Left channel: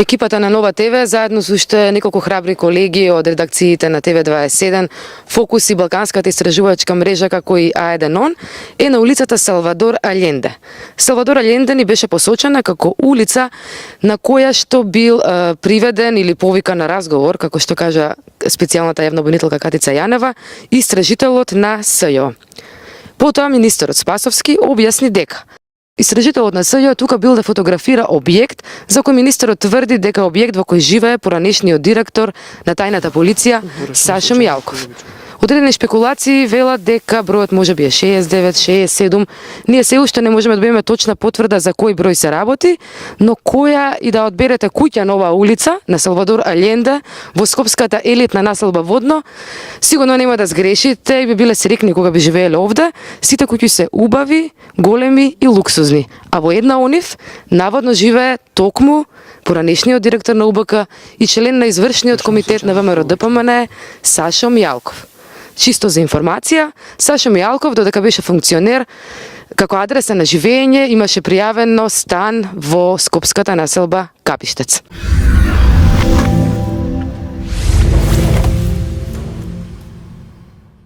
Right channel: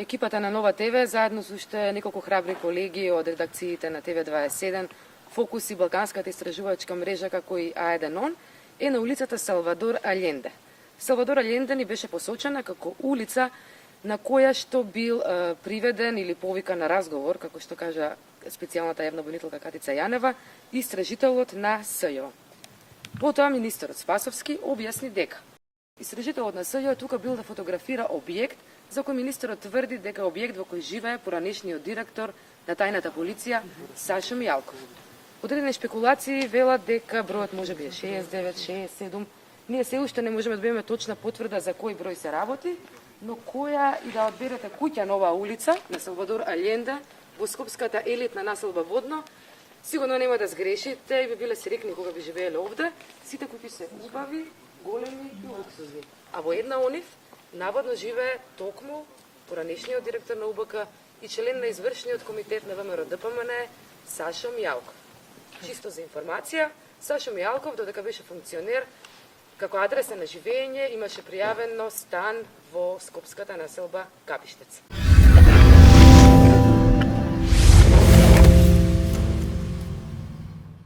Екипата на Нова ТВ, заедно со уште неколку храбри колеги од редакциите на ТВ27, Фокус и Балканската истражувачка мрежа како и А1 е на улицата Салвадор Алјенде. Салвадор Алјенде ни беше посочена како улица на која што бил приведен или повикан на разговор, како што кажа специјалната јавна обвинителка Катица Јанева, истражителот на СЈО. Потоа министерот Спасовски објасни дека истражителот на СЈО тука бил да фотографира објект за кој министерот тврди дека објект во кој живее поранешниот директор на тајната полиција Сашо Мијалков. Одредени шпекулации велат дека бројот може би е 69, 67. Ние се уште не можеме да добиеме точна потврда за кој број се работи, но која и да одберете куќа на оваа улица на Салвадор Алјенде во скопската елитна населба Водно, сигурно нема да сгрешите и би биле срекни кога би живееле овде. Сите куќи се убави, големи и луксузни, а во една од нив наводно живее токму поранешниот директор на УБК и член на извршниот комитет на ВМРО ДПМН Сашо Мијалков. Чисто за информација, Сашо Мијалков, додека беше функционер, како адреса на живење имаше пријавено стан во скопската населба Капиштец.